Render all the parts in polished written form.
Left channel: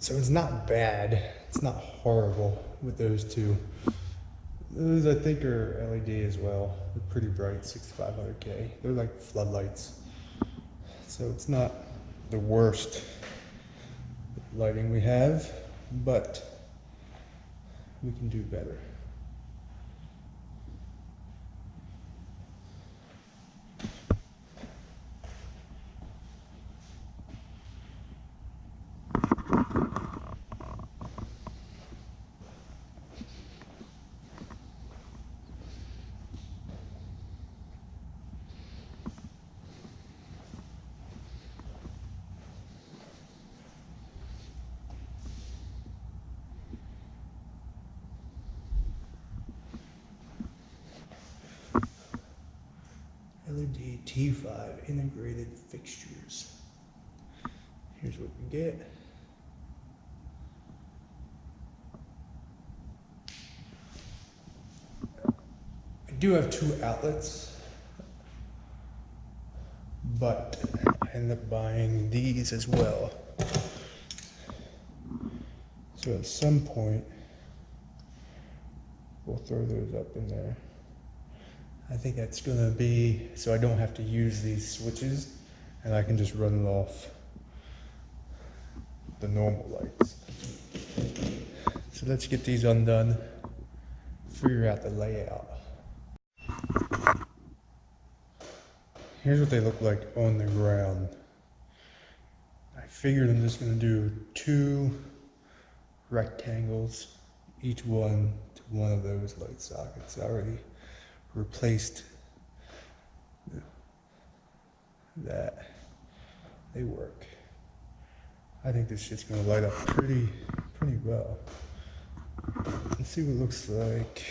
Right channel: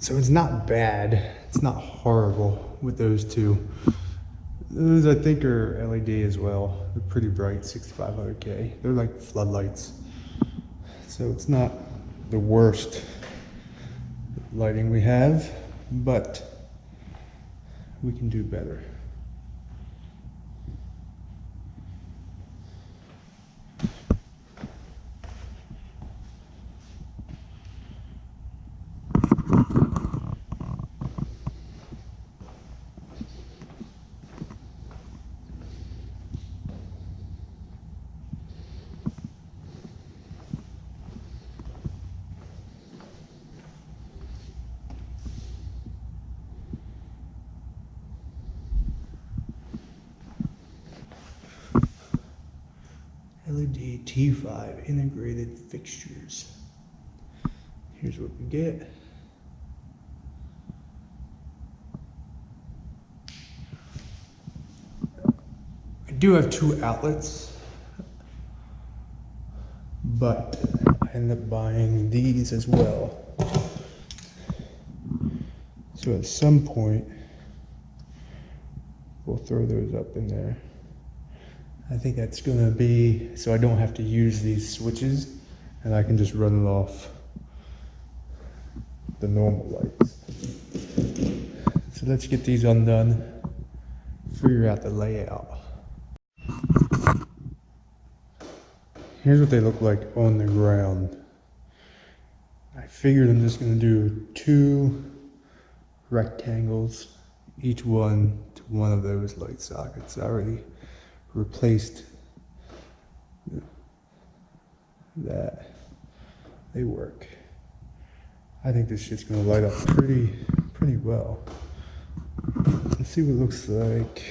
So it's not bad. It's not horrible with those two. Those I think are LED as well. They're pretty bright, 6500K. They're like floodlights. So it's not the worst lighting we have, but we can do better. LED T5 integrated fixtures. Here's what we get. I do have 2 outlets, but I ended up buying these as well. So at some point, we'll throw those up in there. I think that's gonna be, so I don't have to use these switches and I can just run it off the normal lights. So let's get these undone, figure out the layout. Here's what they look like on the ground. I figured I'm just gonna do 2 rectangles, each one to one of those light sockets. I already replaced that. They work. I think this shit's gonna light up pretty well. Let's see what it looks like.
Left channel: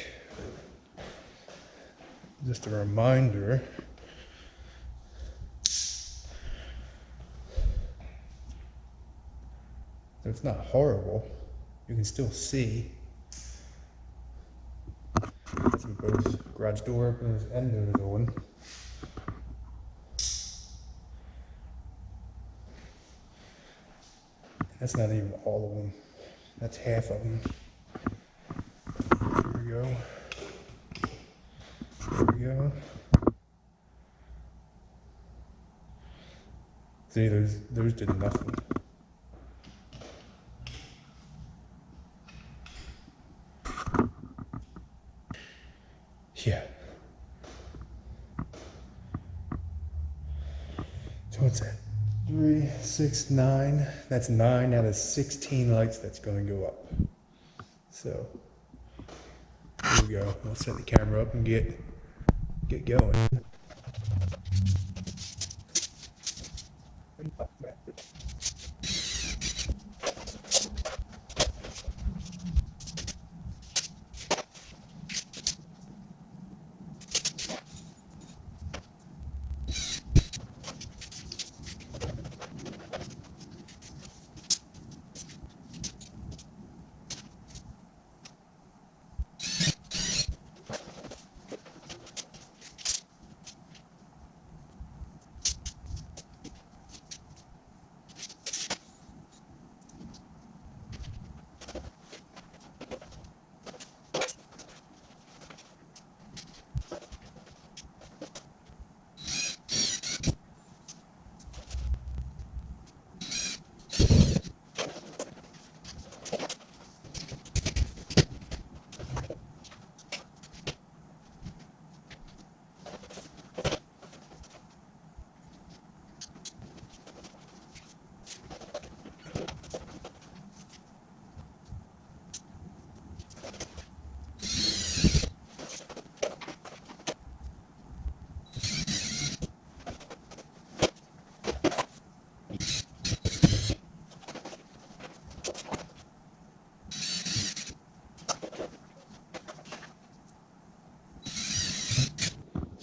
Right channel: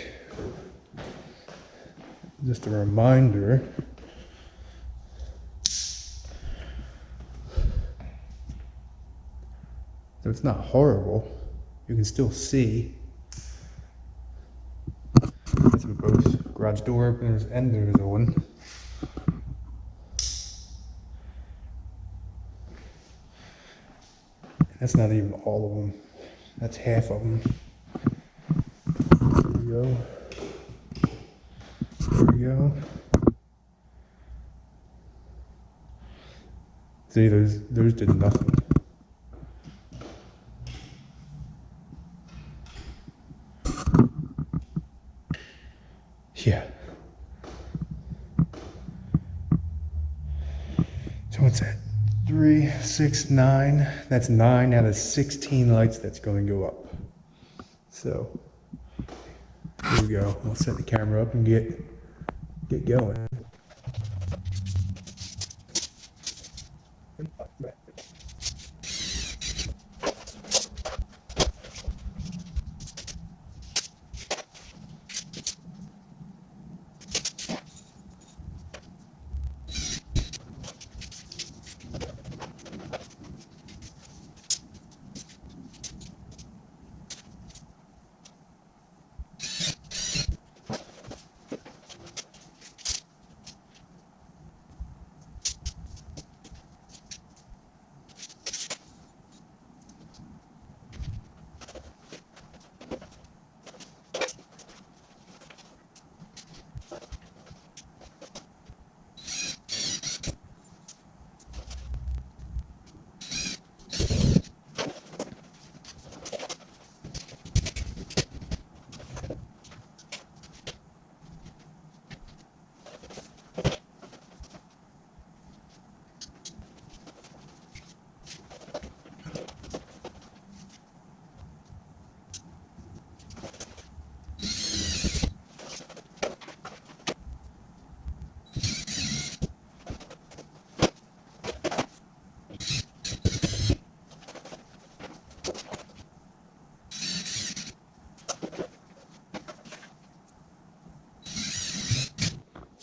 Just a reminder. So it's not horrible. You can still see. That's with both garage door openers and doors on. That's not even all of them. That's half of them. There we go. There we go. See, those did nothing. Yeah. So what's that? 3, 6, 9. That's 9 out of 16 lights that's going to go up. So here we go. We'll set the camera up and get going.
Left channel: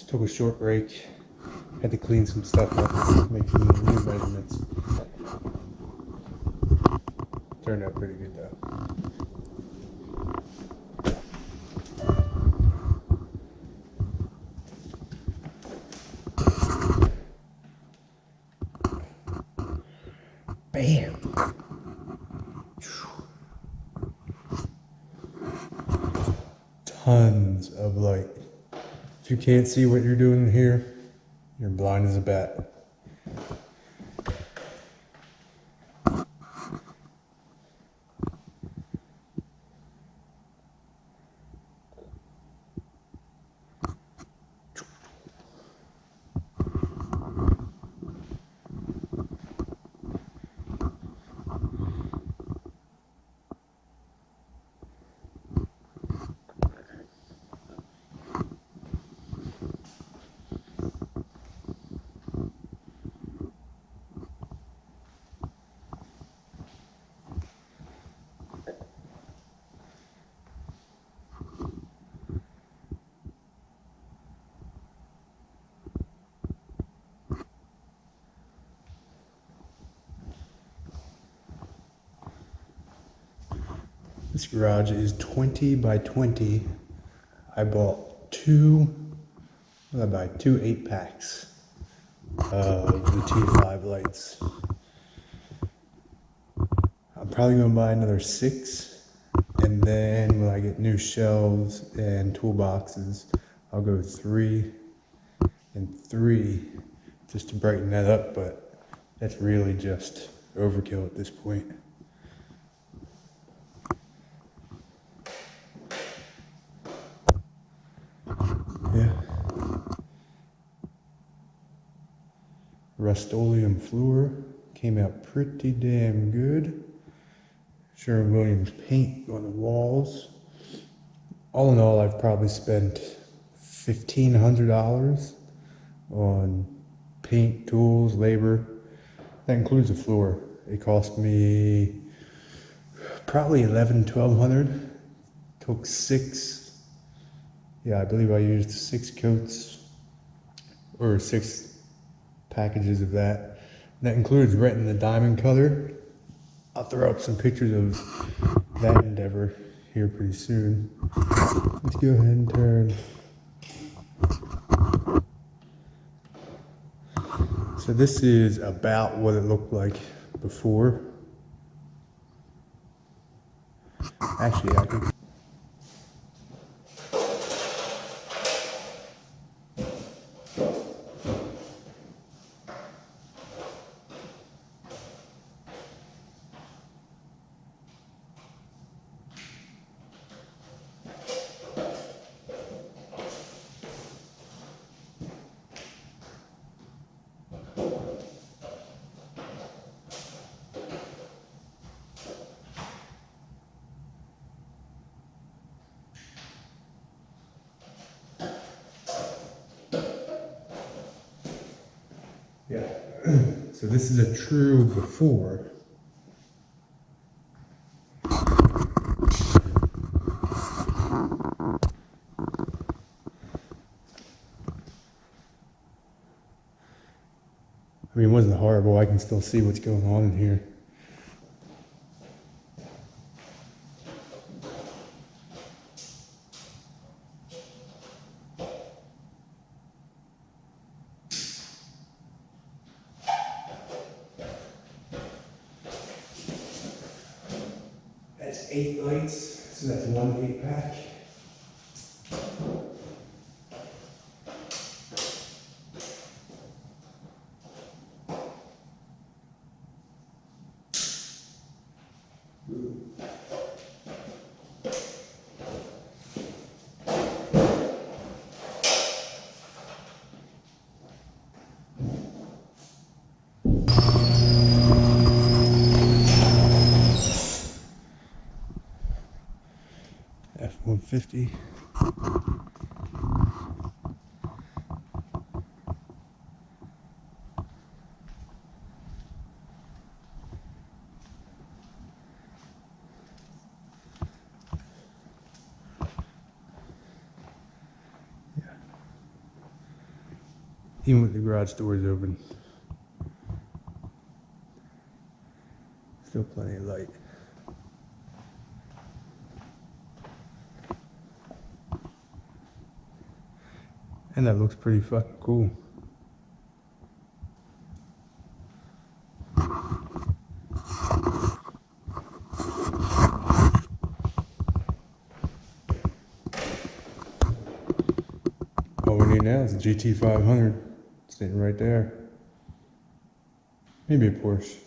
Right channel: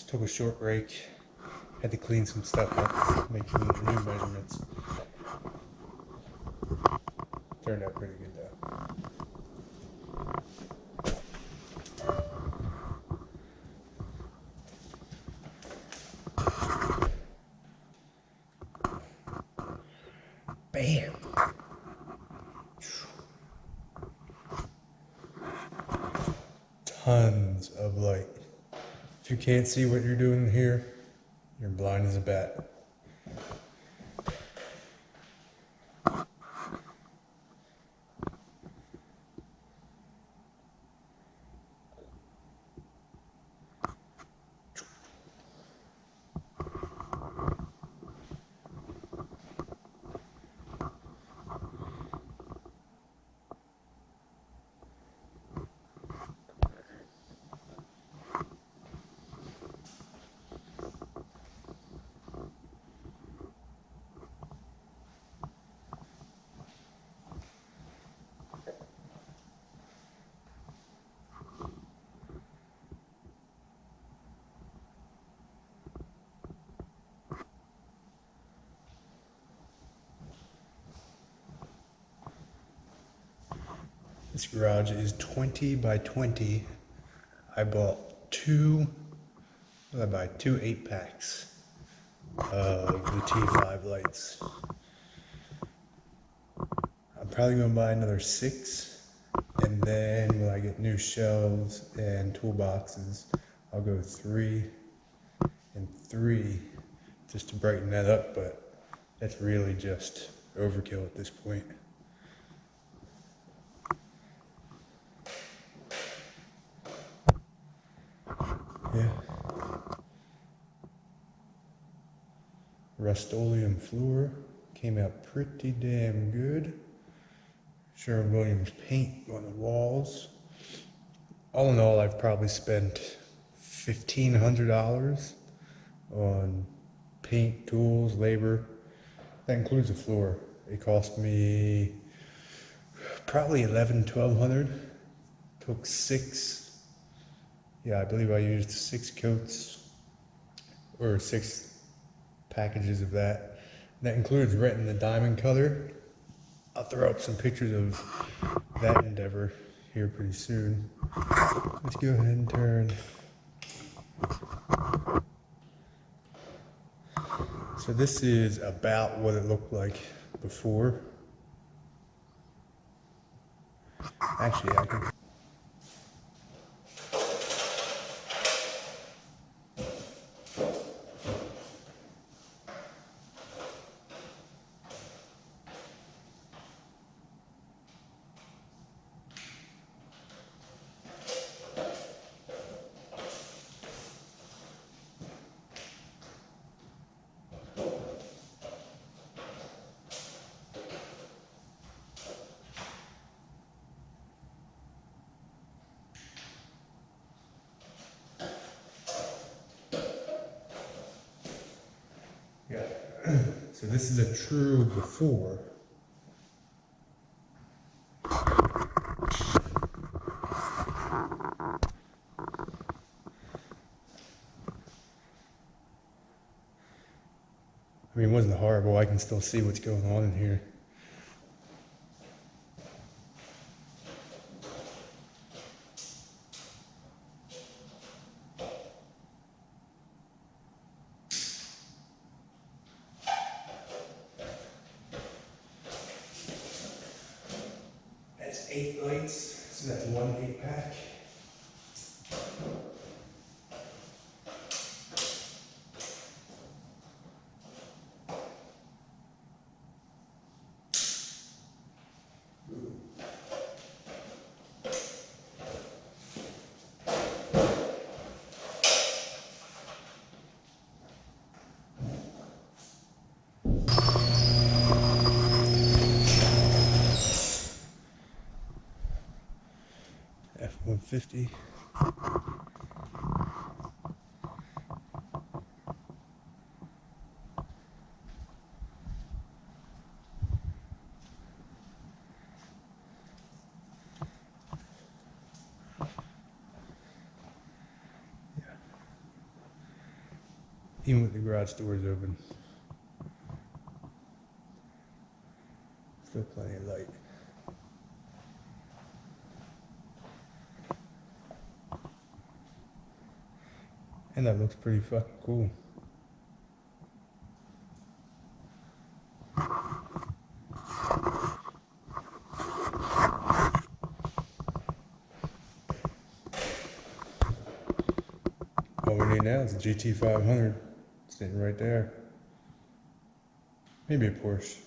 Took a short break, had to clean some stuff up, make some new measurements. Turned out pretty good though. Bam! tons of light. If you can't see what you're doing here, you're blind as a bat. This garage is 20 by 20. I bought two 8-packs of the T5 lights. I'm probably gonna buy another 6, and then when I get new shelves and toolboxes, I'll go 3 and 3 just to brighten that up, but that's really just overkill at this point. Yeah. Rust-Oleum floor came out pretty damn good. Sherwin-Williams paint on the walls. All in all, I've probably spent $1,500 on paint, tools, labor. That includes the floor. It cost me probably $1,100-1,200. Took 6. Yeah, I believe I used 6 coats or 6 packages of that. That includes renting the diamond color. I'll throw up some pictures of that endeavor here pretty soon. Let's go ahead and turn. So this is about what it looked like before. Actually, I could. Yeah. So this is a true before. I mean, it wasn't horrible. I can still see what's going on in here. That's 8 lights, so that's 1 8-pack. F-150. Yeah. Even with the garage doors open, still plenty of light. And that looks pretty fucking cool. now is a GT 500 sitting right there. Maybe a Porsche.